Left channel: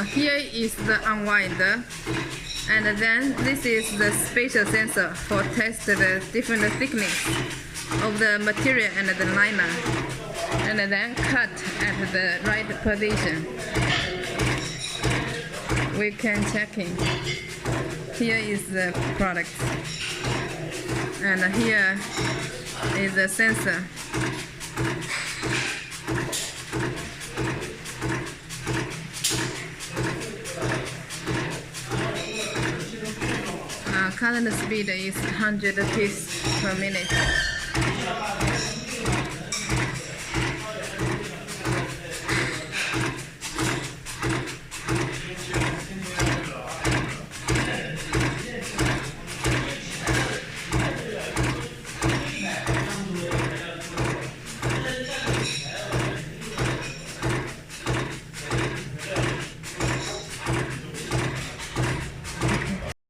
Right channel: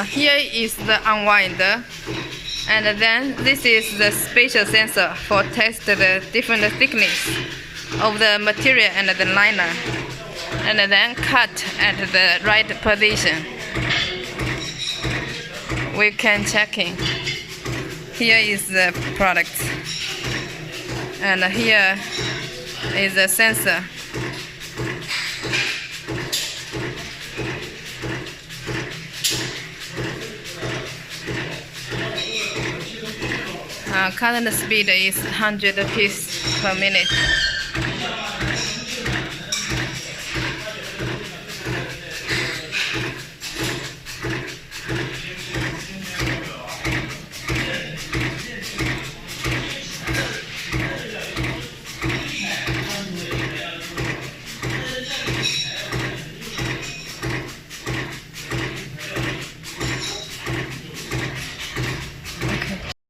Here is the unwinder, and then this is the spatial sensor for test the different thickness of the material and the liner, and then cut at the right position. We can checking. Here is the product, and here is the sensor. Current speed is 100 pieces per minute.